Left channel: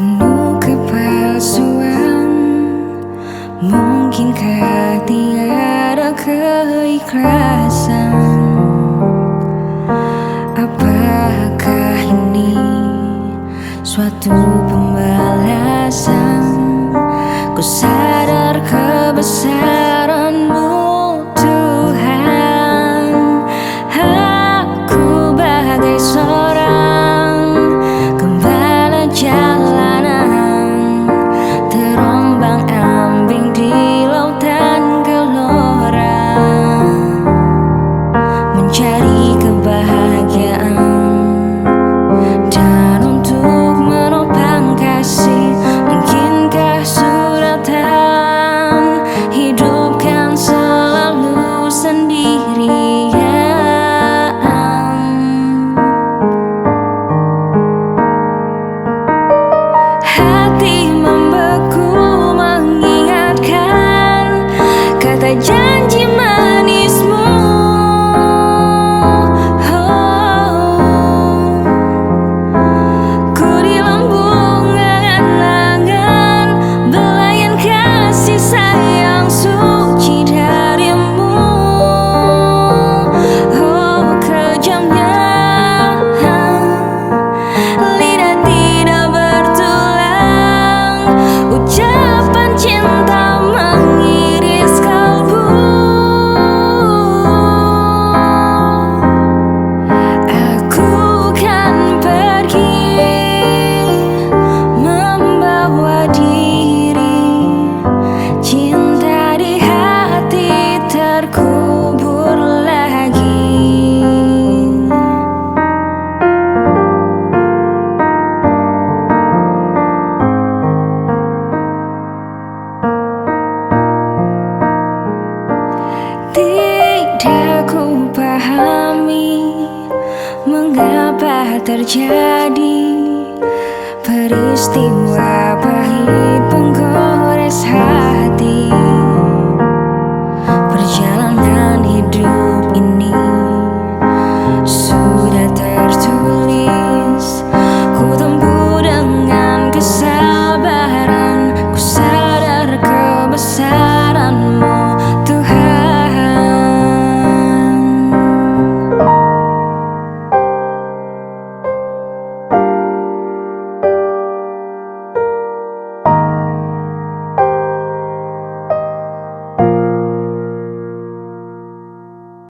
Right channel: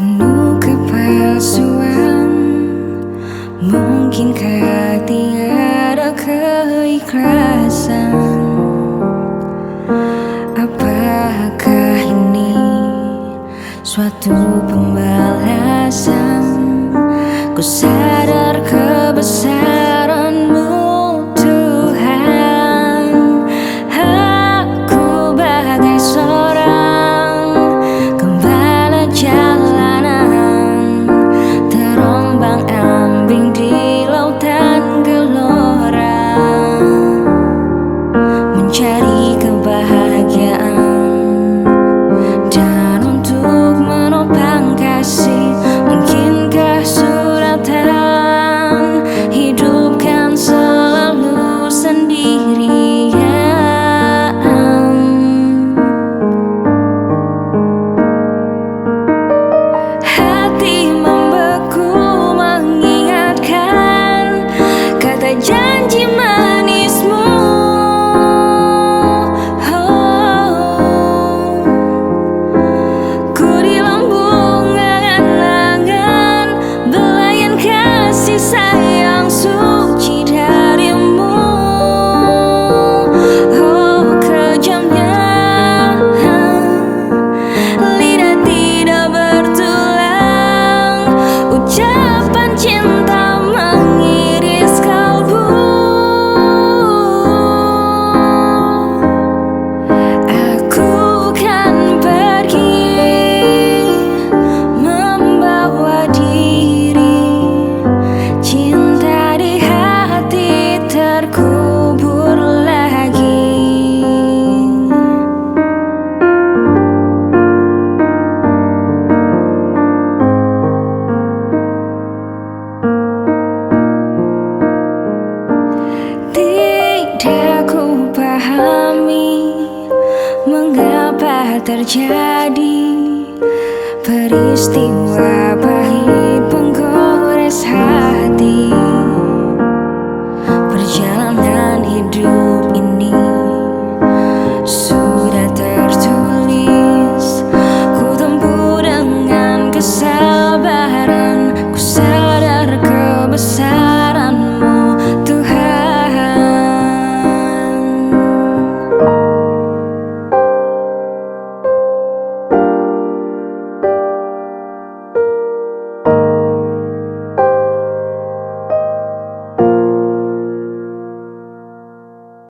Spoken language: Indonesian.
penuh kepalsuan. Mungkinkah tiada keikhlasan? Apakah ini suatu pembalasan? Ku sadar kebesaran-Mu Tuhan. Aku bagai seorang gembala jalanan, terombang-ambing di lautan gelora, mencari kebahagiaan dan untuk menopang kasih. Mungkinkah suratan hidupkan selalu sendirian? Hati membeku mengingatkan kata janji manis-Mu. Ku di lambung angan-angan belayan kasih sayang suci dari-Mu. Oh, kejamnya lidah tidak bertulang, ucapan cinta mengiris kalbu. Aku kan pergi membawa diri, cinta di hati terkubur lagi. Tidak ku pahami mengapa terjadi peristiwa pahit penggores hati. Perjalanan hidup ini sudah tertulis, ku tempuh dengan kesabaran. Ku sadar kebesaran-Mu